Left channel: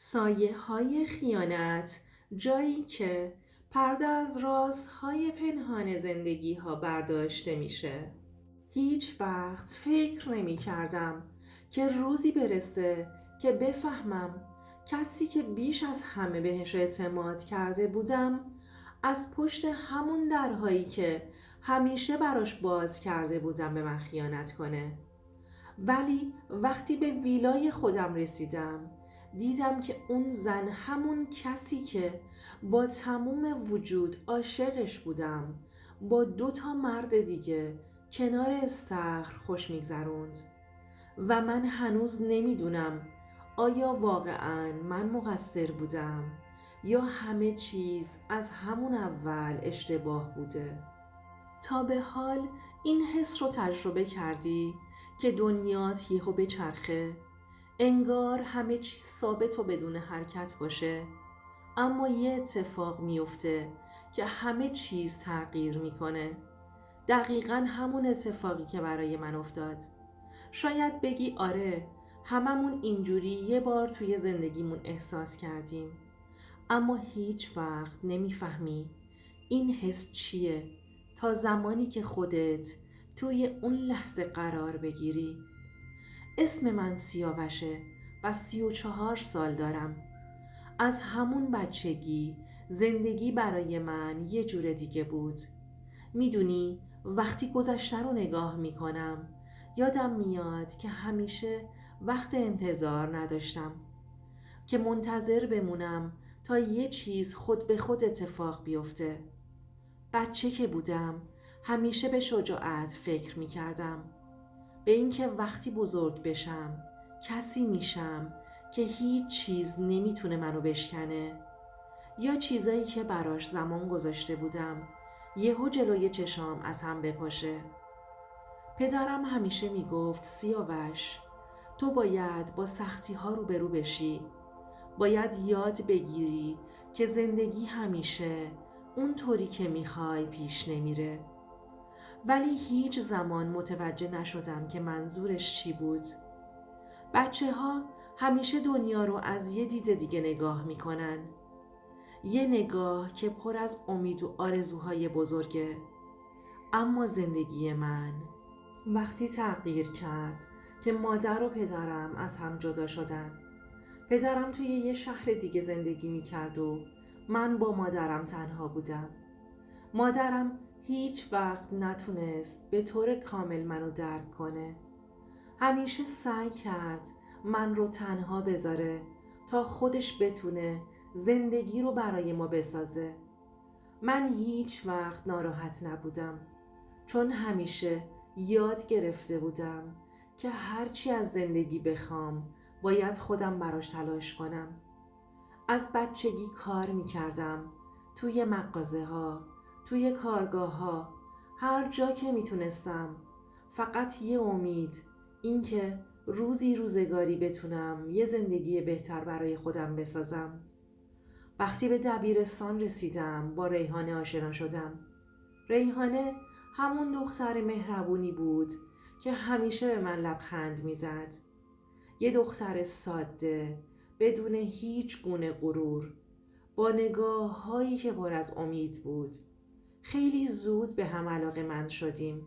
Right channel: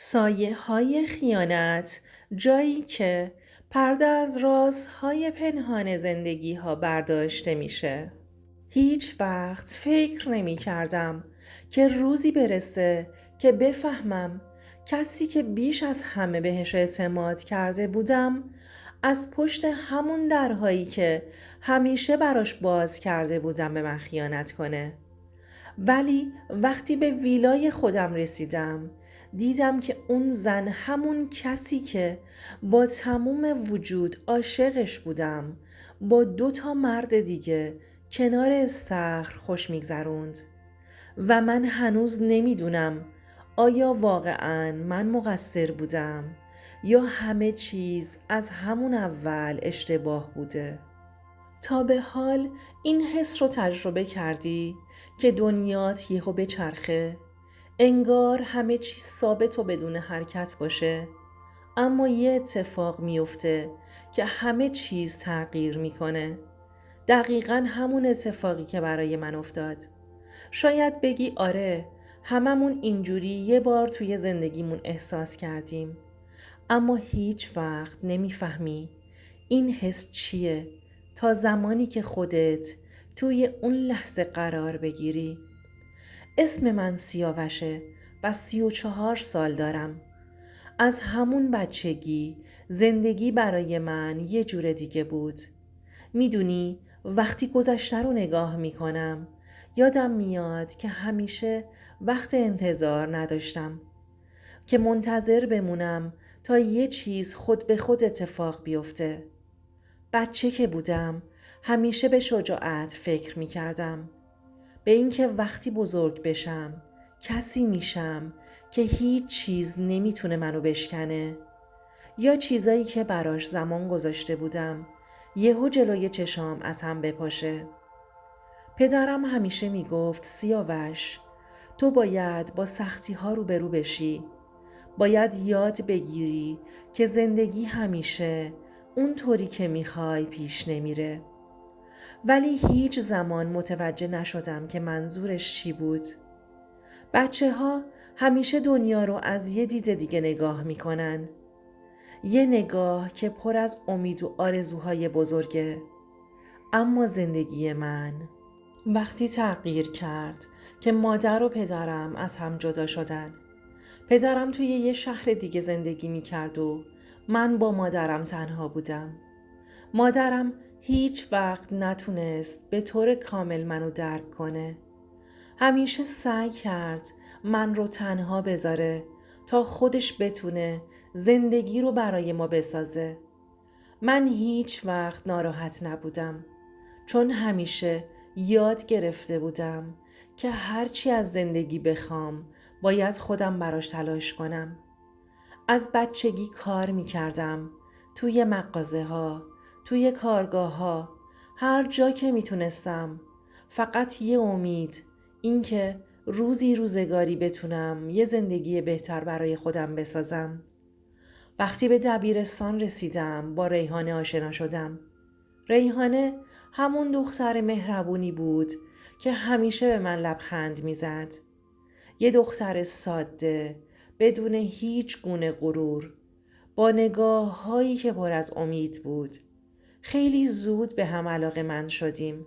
سایه‌های خیانت، جایی که پرده از رازهای پنهان زندگی‌ها برداشته میشه. هیچ وقت فکر نمی کردم که روزی برسه که بفهمم کسی که بیش از همه بهش اعتماد کرده بودم از پشت همون درهایی که همیشه براش باز کرده بودم به من خیانت کنه. ولی وقتی به ویلای خودم رسیدم دیدم که اون زن همون کسی که با تموم وجود عاشقش بودم با 2 مرد دیگه کنار استخر خوش میگذروند و من هنوز نمیدونم آیا واقعاً من مقصر بودم یا همه چیز از همون اول اشتباه بوده. تا به حال این حس رو تجربه کردی که دنیات یهو بچرخه، انگار همه چیز ثابت و بدون حرکت باشه، اما یه اتفاق میفته که همه چیز تغییر میکنه. دقیقاً همون اتفاقی که برای من افتاد. شاید بگی آره، هممون اینجوری یه بار توی زندگیمون احساس کردیم، اما هیچ وقت نمیفهمی این حس چیه تا زمانی که خودت توی اون لحظه قرار بگیری. اسم من سیاوشه و 34 سال دارم. از همون بچگی زندگی برای من یه جور دیگه بود. میدونی وقتی گذشته رو نگاه میکنم یادم میاد که همیشه وقت انتظار نداشتم، که منتظر بمونم تا یه چیز خود به خود اتفاق بیفته. بچه که بودم همیشه به شجاعت فکر می کردم، به اینکه وقتی بزرگ بشم کسی میشم که هیچ چیز نمیتونه منو بشکنه، یا چیزایی که براش زمان گذاشته بودم یهو جلوی چشام از هم بپاشه. پدرم همیشه میگفت سیاوش، تو باید با سختی ها روبرو بشی، باید یاد بگیری که زندگی همیشه اونطوری که میخوای پیش نمیره. ولی هیچ زمان متوجه نشدم که منظورش چی بود. بچه ها همیشه دنیا رو از یه دید دیگه نگاه میکنن، یه نگاه که پر از امید و آرزوهای بزرگه. اما زندگی من وقتی تغییر کرد که مادر و پدرم از هم جدا شدن. پدرم توی یه شهر دیگه زندگی میکرد و من با مادرم تنها بودم. مادرم هیچ وقت نتونست به طور کامل منو درک کنه. همیشه سعی کرد من رو تنها بذاره تا خودش بتونه زندگی رو برای ما بسازه. من هیچ وقت ناراحت نبودم، چون همیشه یاد گرفته بودم که هرچی از زندگی بخوام باید خودم براش تلاش کنم. از بچگی کار می کردم، توی مغازه ها، توی کارگاه ها، هر جا که می تونستم. فقط یه امید، این که روزی روزگاری بتونم یه زندگی بهتر برای خودم بسازم. وقتی به دبیرستان رسیدم با ریحانه آشنا شدم. ریحانه همون دختر مهربونی بود که همیشه به من لبخند میزد. یه دختر ساده، بدون هیچ گونه غرور، با نگاه هایی که پر از امید بود. خیلی زود به هم علاقه‌مند شدیم.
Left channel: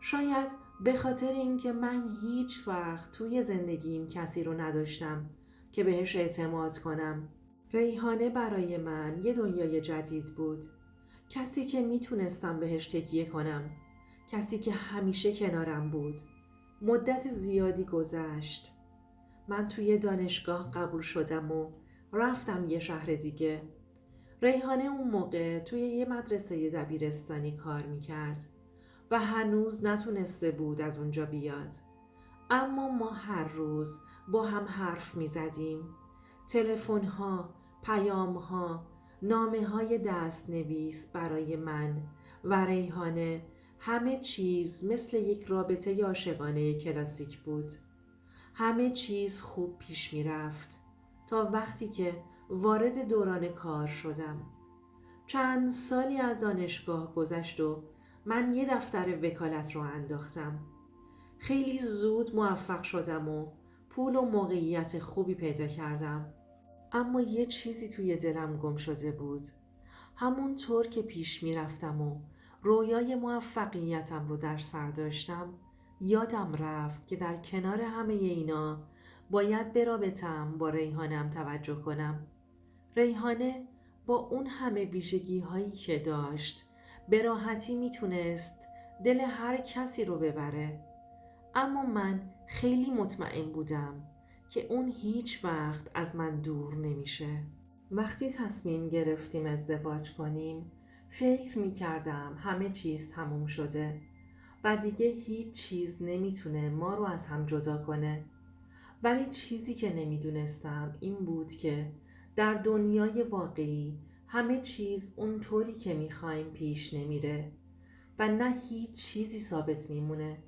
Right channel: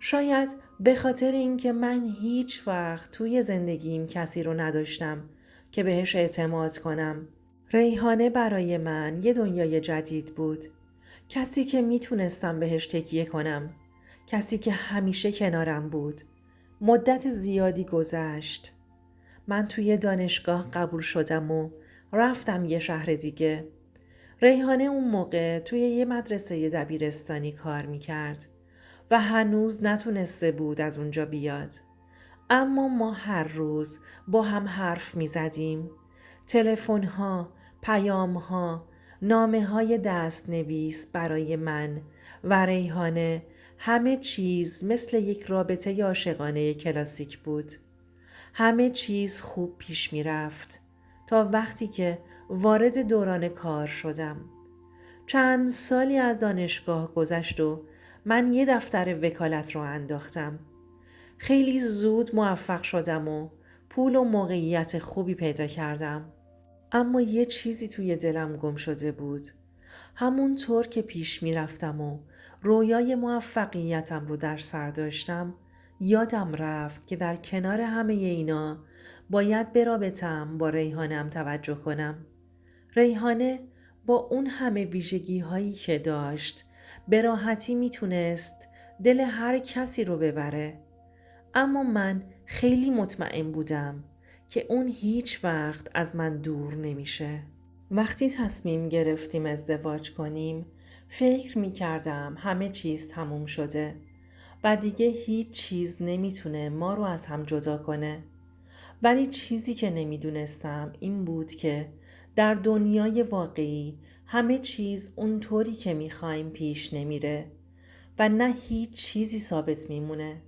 شاید به خاطر اینکه من هیچ وقت توی زندگیم کسی رو نداشتم که بهش اعتماد کنم. ریحانه برای من یه دنیای جدید بود. کسی که میتونستم بهش تکیه کنم. کسی که همیشه کنارم بود. مدت زیادی گذشت. من توی دانشگاه قبول شدم و رفتم یه شهر دیگه. ریحانه اون موقع توی یه مدرسه دبیرستانی کار میکرد و هنوز نتونسته بود از اونجا بیاد. اما ما هر روز با هم حرف میزدیم. تلفن ها، پیام ها، نامه های دست نویس برای من و ریحانه، همه چیز مثل یک رابطه عاشقانه کلاسیک بود. همه چیز خوب پیش می رفت تا وقتی که وارد دوران کار شدم. چند سالی از دانشگاه گذشت و من یه دفتر وکالت رو انداختم. خیلی زود موفق شدم و پول و موقعیت خوبی پیدا کردم. اما یه چیزی توی دلم گم شده بود. همونطور که پیش می رفتم و رویای موفقیتم رو در سر داشتم، یادم رفت که در کنار همه اینا باید به رابطه‌ام با ریحانه‌ام توجه کنم. ریحانه با اون همه ویژگی هایی که داشت به راحتی میتونست دل هر کسی رو ببره. اما من خیلی مطمئن بودم که اون هیچ وقت از من دور نمیشه. وقتی تصمیم گرفتیم ازدواج کنیم فکر می کردم همه چیز تموم شده و دیگه هیچ چیز نمیتونه ما رو از هم جدا کنه. ولی چیزی که نمیدونستم این بود که در دنیای واقعی همه چیز اونطوری که میخوایم پیش نمیره و نه هیچ چیزی ثابت میمونه.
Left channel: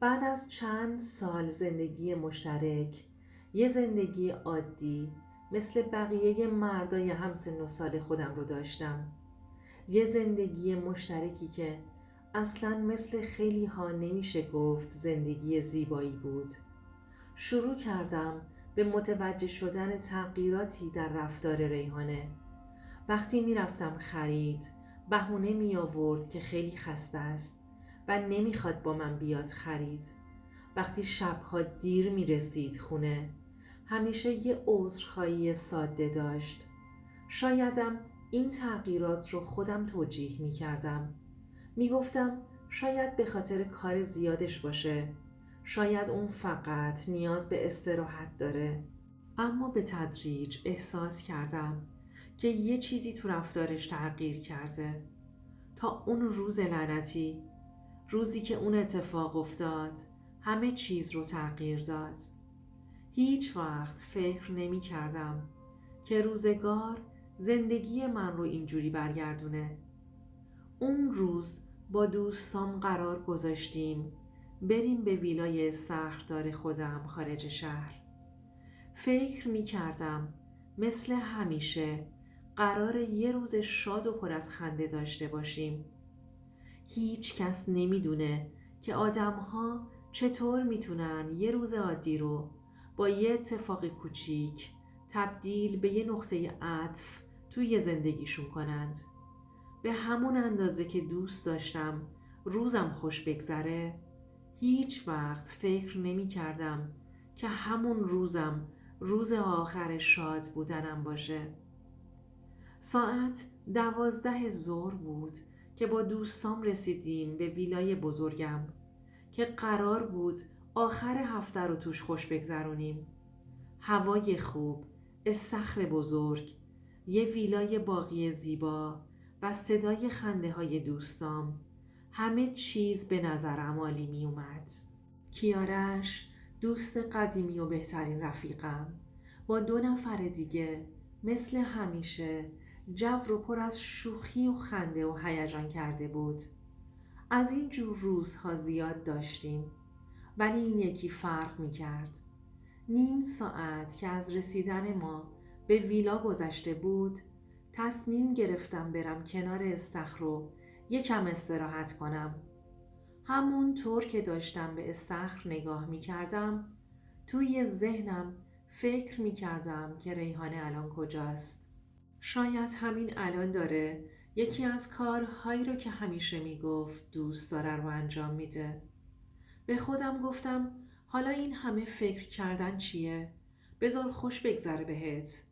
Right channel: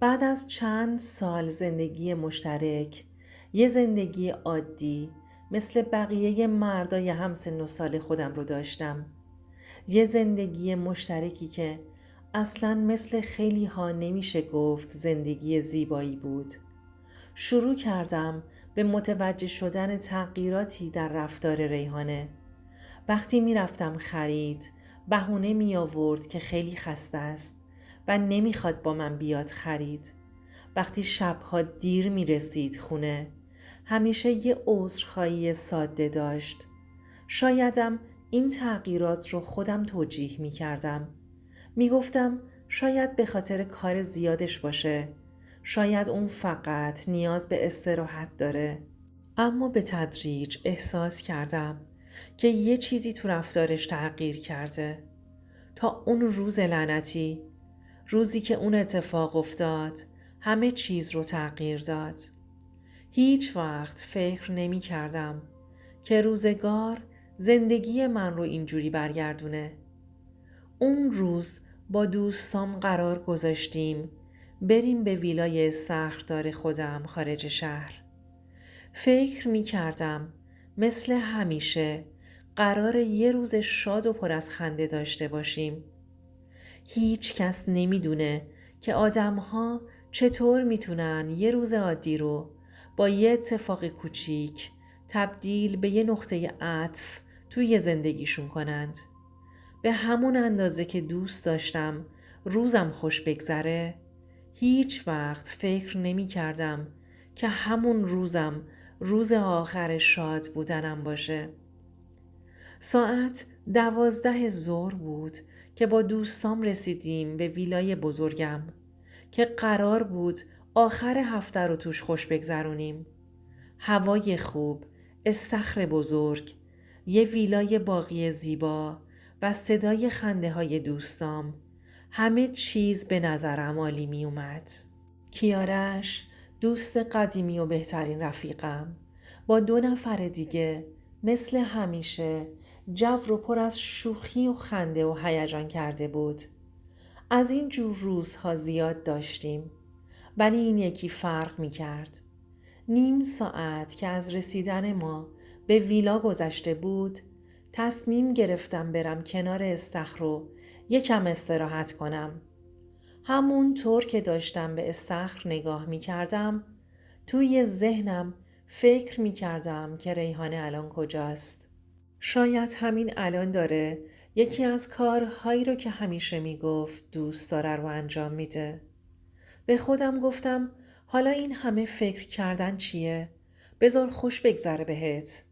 بعد از چند سال زندگی مشترک، یه زندگی عادی مثل بقیه مردای همسن و سال خودم رو داشتم. یه زندگی مشترکی که اصلاً مثل خیلی ها نمیشه گفت زندگی زیبایی بود. شروع کردم به متوجه شدن تغییراتی در رفتار ریحانه. وقتی می رفتم خرید بهونه می آورد که خیلی خسته است و نمیخواد با من بیاد خرید. وقتی شبها دیر می رسید خونه همیشه یه عذرخواهی ساده داشت. شایدم این تغییرات رو خودم توجیه می کردم. می گفتم شاید به خاطر کار زیادش باشه، شاید اون فقط نیاز به استراحت داره. اما به تدریج احساس کردم که یه چیزی تو رفتارش تغییر کرده. تا اون روز لعنتی، روزی که اون اتفاق افتاد، همه چیز رو تغییر داد. هیچ وقت فکر نمی کردم که روزگار زندگی من رو اینجوری برگردونه. اون روز با دوستام قرار گذاشتیم بریم به ویلای استخردار خودم خارج شهر. فکر می کردم مثل همیشه قرار یه روز شاد و پر از خنده داشته باشیم. هیچ کس نمیدونه که آدم‌ها چطور میتونن یه روز عادی رو با یه اتفاق کوچیک تبدیل به یه نقطه عطف توی زندگیشون کنند. به همون اندازه که دوست داشتم روزم خوش بگذره، هیچ وقت فکر نمی کردم که همون روزم روز آخر شاد بودنم باشه. ساعت 12 ظهر بود که با دوستام رسیدیم به ویلای بزرگم که قرار بود آخر هفته رو توش خوش بگذرونیم. هوای خوب، استخر بزرگ، یه ویلای باغی زیبا و صدای خنده های دوستام، همه چیز به نظرم عالی می اومد. کیارش، دوست قدیمی و بهترین رفیقم، با 2 نفر دیگه مثل همیشه جو رو پر از شوخی و خنده و هیجان کرده بود. از این جور روزها زیاد داشتیم، ولی این یکی فرق می کرد. نیم ساعت که از رسیدن ما به ویلا گذشته بود، تصمیم گرفتم برم کنار استخر رو یکم استراحت کنم. همون طور که داشتم به استخر نگاه می کردم، توی ذهنم فکر می کردم که ریحانه الان کجاست. شاید همین الان داره یکی از کارهایی رو که همیشه می گفت دوست داره رو انجام میده. به خودم گفتم حالا این همه فکر کردن چیه؟ بذار خوش بگذره بهت.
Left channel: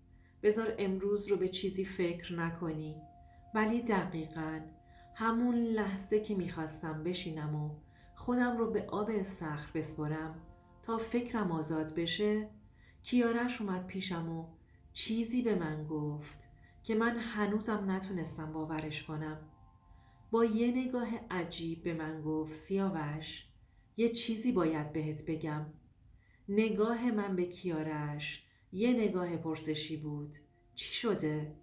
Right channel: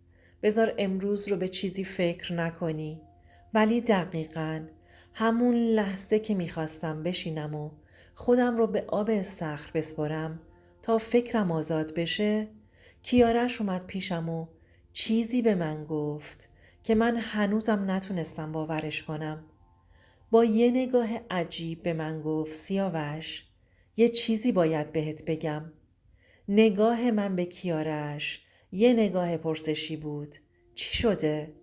بذار امروز رو به چیزی فکر نکنی. ولی دقیقاً همون لحظه که میخواستم بشینم و خودم رو به آب استخر بسپرم تا فکرم آزاد بشه، کیارش اومد پیشم و چیزی به من گفت که من هنوزم نتونستم باورش کنم. با یه نگاه عجیب به من گفت سیاوش، یه چیزی باید بهت بگم. نگاه من به کیارش یه نگاه پرسشی بود. چی شده؟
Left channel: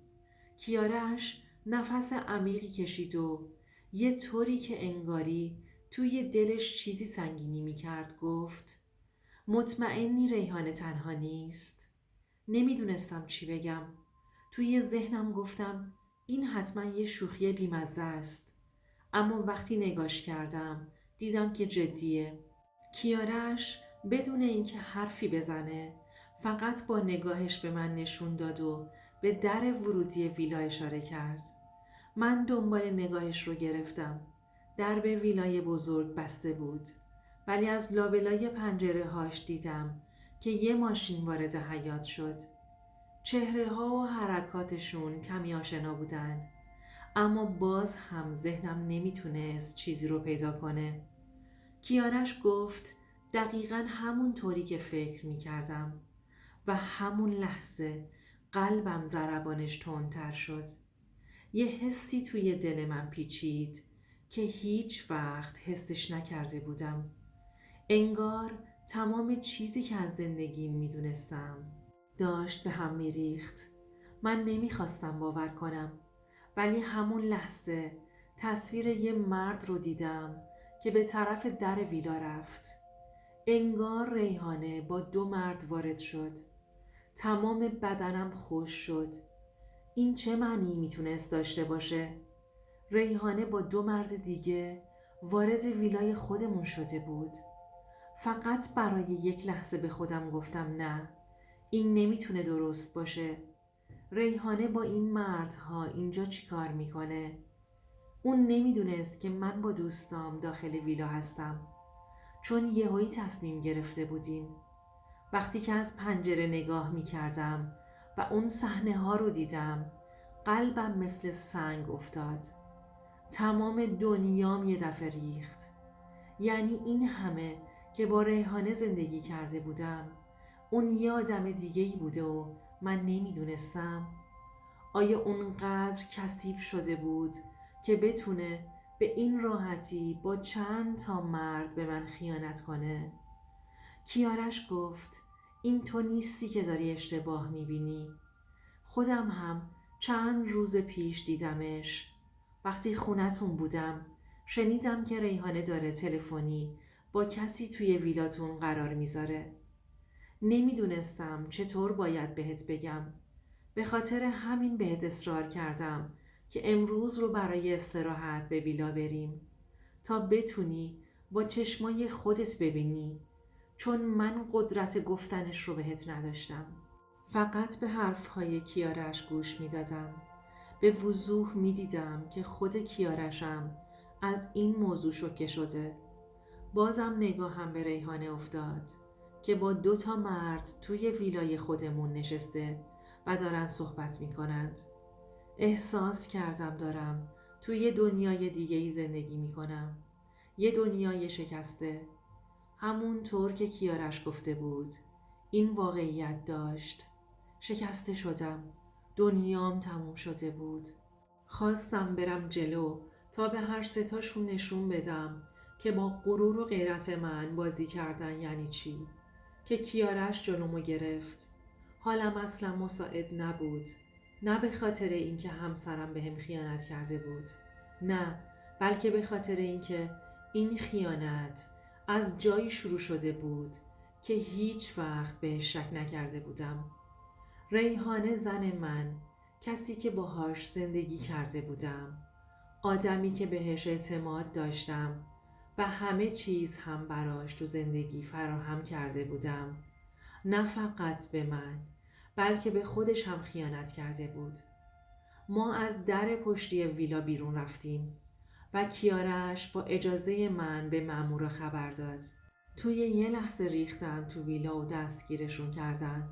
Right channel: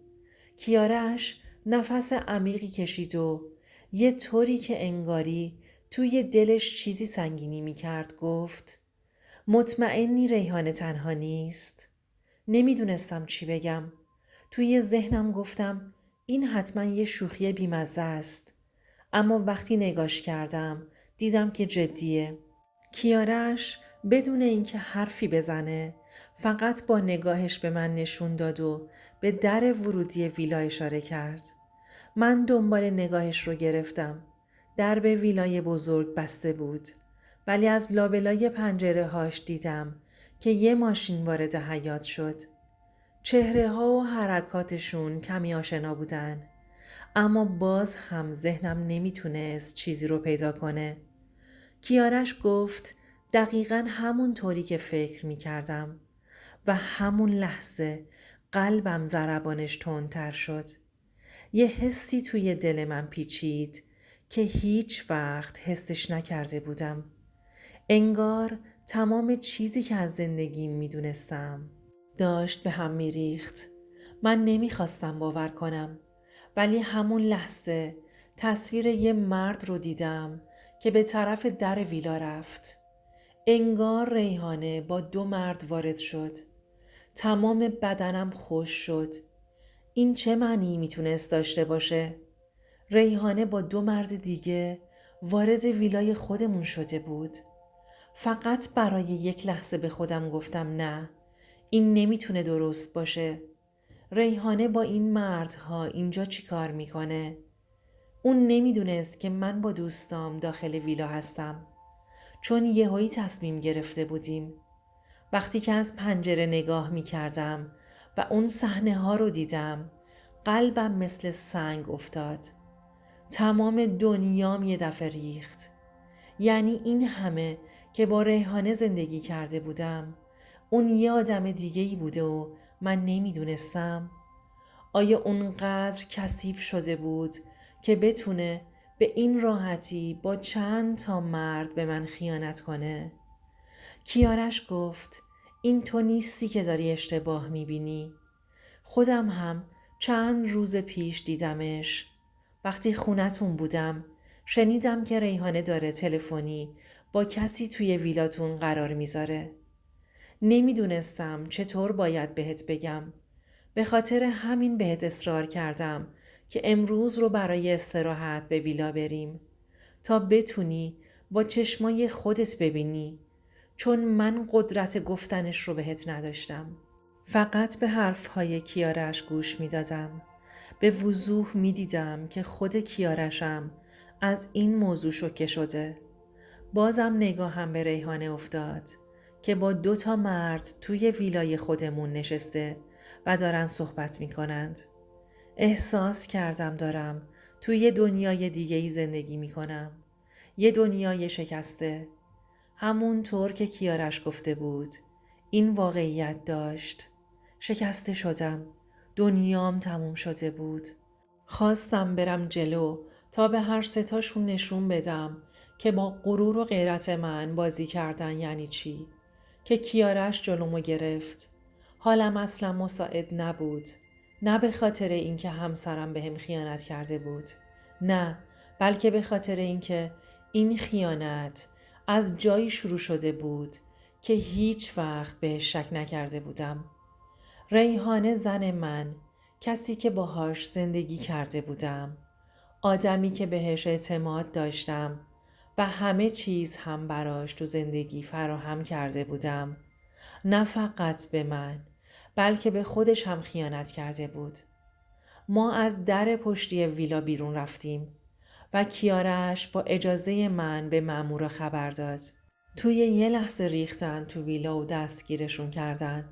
کیارش نفس عمیقی کشید و یه طوری که انگاری توی دلش چیزی سنگینی میکرد گفت مطمئنی ریحانه تنها نیست؟ نمیدونستم چی بگم. توی ذهنم گفتم این حتما یه شوخی بیمزه است. اما وقتی نگاش کردم دیدم که جدیه. کیارش بدون اینکه حرفی بزنه فقط با نگاهش به من نشون داد و به در ورودی ویلا اشاره کرد. من دنبال نگاهش رو گرفتم. درب ویلای بزرگ بسته بود، ولی از لابلای پنجره هاش دیدم که یه ماشین وارد حیاط شد. چهره ها و حرکاتشون کمی آشنا بودن، اما باز هم ذهنم نمیتونست چیزی رو پیدا کنه. کیارش گفت دقیقاً همون طوری که فکر میکردم و همون لحظه قلبم ضربانش تندتر شد. یه حسی توی دل من پیچید که هیچ وقت حسش نکرده بودم. انگار تمام چیزی که از زندگیم میدونستم داشت به هم میریخت. من نمیخواستم باور کنم، ولی همون لحظه تصویر یه مرد رو دیدم که به طرف در ویلا رفت. انگار ریحانه با 2 مرد وارد شد. تمام بدنم خوش شد. این چه معنی میتونست داشته باشه؟ ریحانه با 2 مرد دیگه وارد ویلای خودمون شده بود. فقط برای یک لحظه به خودم گفتم نه، این نمیتونه درست باشه. ریحانه با این مردها اینجا چی کار میکنه؟ اون نمیدونست که من با دوستام داخل ویلا هستم، چون یهویی تصمیم گرفته بودیم. وقتی که از پنجره نگاه میکردم و اون صحنه ها رو دیدم، قلبم مثل سنگ افتاد. تمام دنیام یه دفعه ریخت. یعنی این همه که با ریحانه زندگی کرده بودم، اون یه آدم دیگه‌ای بوده و من نمیدونستم؟ آیا اونقدر کثیف شده بود که بتونه به این راحتی با چند تا مرد به من خیانت کنه؟ کیارش گفت این تو نیستی که داری اشتباه میبینی. خودم هم چند روز پیش دیدمش. وقتی خونتون بودم شنیدم که ریحانه داره تلفنی با کسی توی ویلاتون قرار میذاره. نمیدونستم چطور باید بهت بگم. به خاطر همین بهت اصرار کردم که امروز رو برای استراحت به ویلا بریم تا بتونی با چشمای خودت ببینی، چون من قدرت گفتنش رو بهت نداشتم. فقط به حرفهای کیارش گوش می دادم. به وضوح می دیدم که خود کیارشم از این موضوع شوکه شده. بازم نگاهم به ریحانه افتاد که با 2 تا مرد توی ویلای خودمون نشسته و دارن صحبت می کنند. احساس کردم دارم توی دنیای دیگه‌ای زندگی می کنم. یه دنیای شکسته. همون طور که کیارش گفته بود این واقعیت داشت. شکسته شدم. دنیام تموم شده بود. خواستم برم جلو تا به هر 3 تاشون نشون بدم که با غرور و غیرت من بازی کردن یعنی چی. که کیارش جلومو گرفت. حالم اصلا مساعد نبود. نه به خاطر اینکه همسرم بهم خیانت کرده بود، نه، بلکه به خاطر اینکه این خیانت از جایی شروع شده بود که هیچ وقت بهش شک نکرده بودم. ریحانه زن من، کسی که باهاش زندگی کرده بودم، آدمی که بهش اعتماد داشتم و همه چیز هم براش تو زندگی فراهم کرده بودم، نه فقط به من بلکه به خودش هم خیانت کرده بود. ما از در پشتی ویلا بیرون رفتیم و کیارش با اجازه من به مأمورا خبر داد. توی یه لحظه ریختن تو ویلا و دستگیرشون کردن.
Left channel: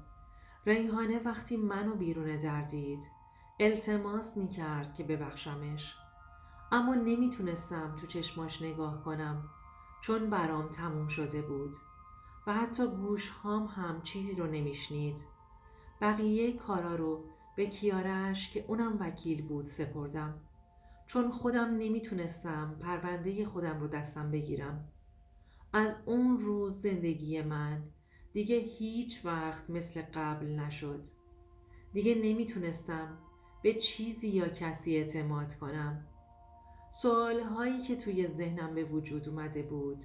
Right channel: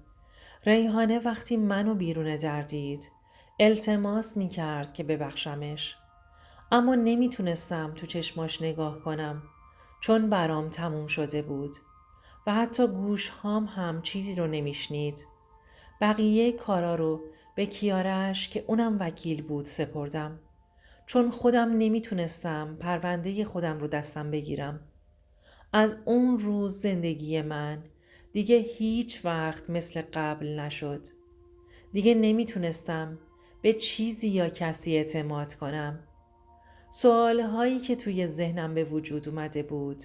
ریحانه وقتی منو بیرون در دید التماس میکرد که ببخشمش، اما نمیتونستم تو چشماش نگاه کنم چون برام تموم شده بود و حتی گوش هم چیزی رو نمیشنید. بقیه کارا رو به کیارش که اونم وکیل بود سپردم، چون خودم نمیتونستم پرونده خودم رو دستم بگیرم. از اون روز زندگی من دیگه هیچ وقت مثل قبل نشد. دیگه نمیتونستم به چیزی یا کسی اعتماد کنم. سوالهایی که توی ذهنم به وجود اومده بود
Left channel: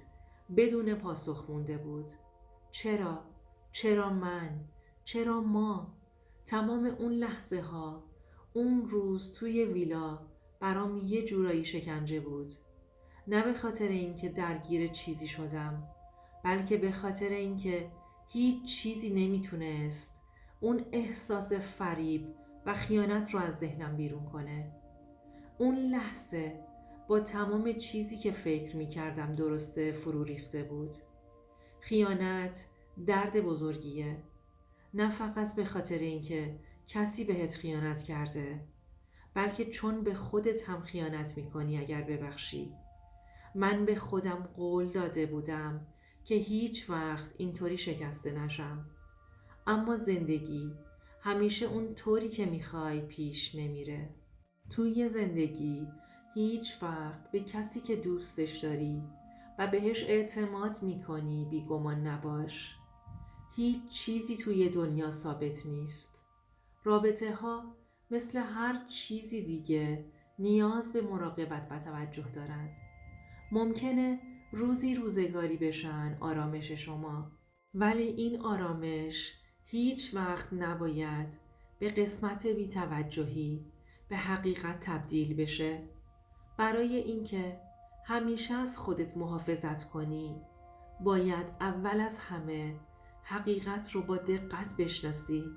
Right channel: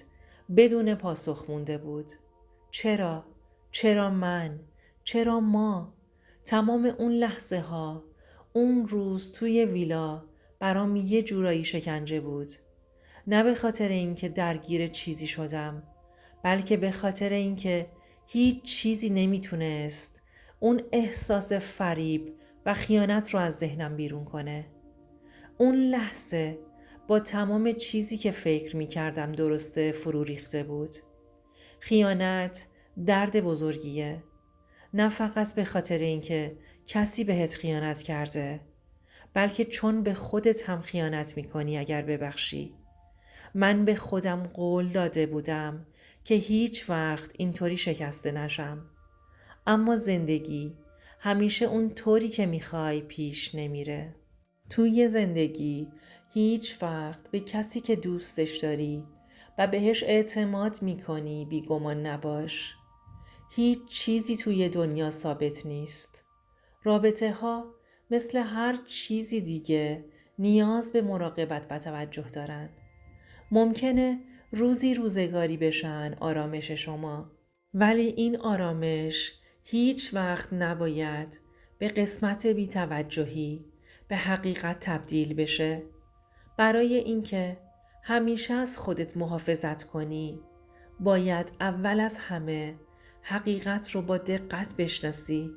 بدون پاسخ مونده بود. چرا؟ چرا من؟ چرا ما؟ تمام اون لحظه ها، اون روز توی ویلا برام یه جورایی شکنجه بود. نه به خاطر اینکه درگیر چیزی شدم، بلکه به خاطر اینکه هیچ چیزی نمیتونست اون احساس فریب و خیانت رو از ذهنم بیرون کنه. اون لحظه با تمام چیزی که فکر میکردم درسته فرو ریخته بود. خیانت درد بزرگیه، نه فقط به خاطر اینکه کسی بهت خیانت کرده، بلکه چون به خودت هم خیانت میکنی اگر ببخشی. من به خودم قول داده بودم که هیچ وقت اینطوری شکسته نشم، اما زندگی همیشه اون طوری که میخوای پیش نمیره. توی زندگی هیچ وقت به کسی که دوستش داری و بهش اعتماد میکنی بیگمان نباش. هیچ چیزی توی دنیا ثابت نیست. رابطه ها مثل هر چیزی دیگه نیاز به مراقبت و توجه دارن. ممکنه روزی روزگاری بشن آرامش شما، ولی این آرامش هیچ وقت نباید به قسمت بی‌توجهی به حقیقت تبدیل بشه. برای اینکه همیشه از خودت محافظت کنی، باید اول از همه حقیقت رو با دقت بشناسی.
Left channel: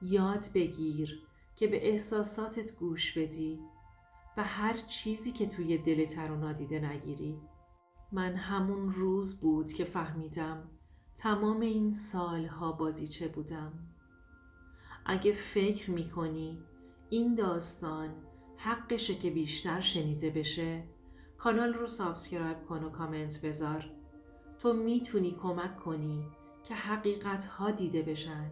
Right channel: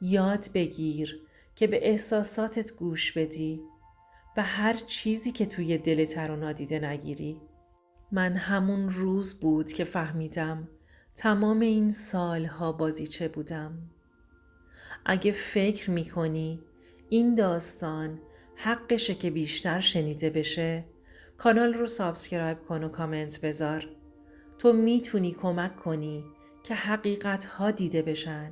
یاد بگیر که به احساساتت گوش بدی و هر چیزی که توی دلت رو نادیده نگیری. من همون روز بود که فهمیدم تمام این سالها بازیچه بودم. اگه فکر میکنی این داستان حقشه که بیشتر شنیده بشه، کانال رو سابسکرایب کن و کامنت بذار. تو میتونی کمک کنی که حقیقت ها دیده بشن.